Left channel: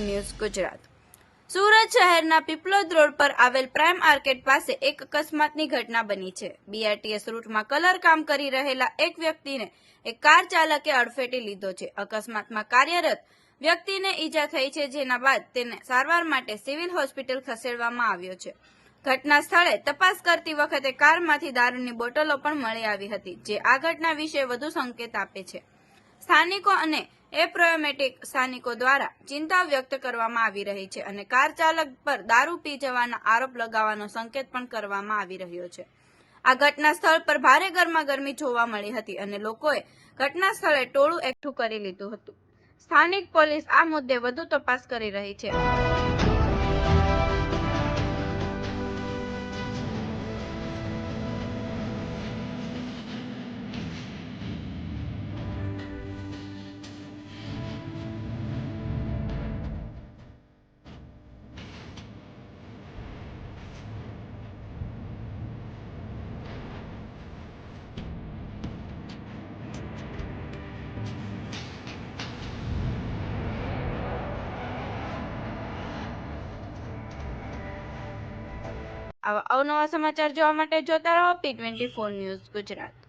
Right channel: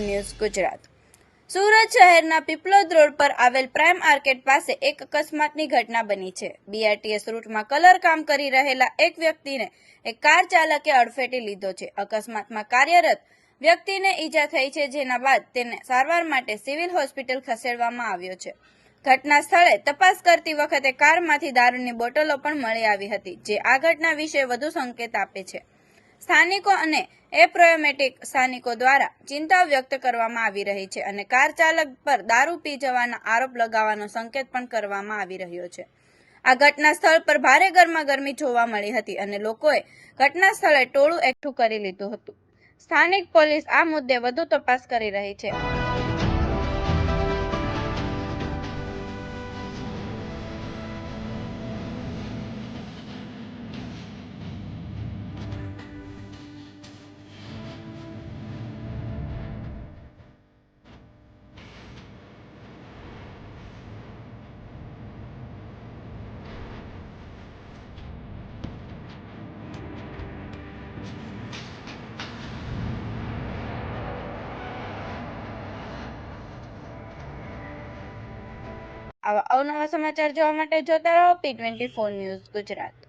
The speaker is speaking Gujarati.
ન્યૂઝ ગુજરાત। સુરત શહેરના પીપલોદ રોડ પર આવેલ પ્રાઇમ આર્કેડ પાસે એક અકસ્માતની ઘટના બની છે। બીઆરટીએસ રૂટમાં કલર કામ કરી રહેલા એક વ્યક્તિને એક કાર ચાલકે અડફેટે લીધો છે। અકસ્માતમાં કાર્યરત વ્યક્તિને ઈજા થઈ છે, જેના બાદ તેને સારવાર માટે સિવિલ હોસ્પિટલ ખસેડવામાં આવ્યો છે। ઘટના સ્થળે તપાસ કરતી વખતે કારમાંથી દારૂની બોટલો પણ મળી આવી હતી, જે આ ઘટના વિશે વધુ સંકેત આપે છે। સ્થાનિકો અને એપ્રોમેટિક સ્થાનિકો દ્વારા ચિંતા વ્યક્ત કરવામાં આવી રહી છે અને કાર ચાલક પર દારૂ પી જવાના આરોપ લગાવવાનો સંકેત પણ કરવામાં આવી રહ્યો છે। આ ઘટના સ્થળ પર ભારે ગરમાગરમી જોવા મળી હતી અને લોકોએ ઘટના સ્થળે ટોળું એકઠું કરી લીધું હતું। સ્થાનિક પોલીસ આ મુદ્દે વધુ તપાસ કરી રહી છે। આવા અવનવા સમાચાર જોવા માટે જોતા રહો P24 ન્યૂઝ ગુજરાત।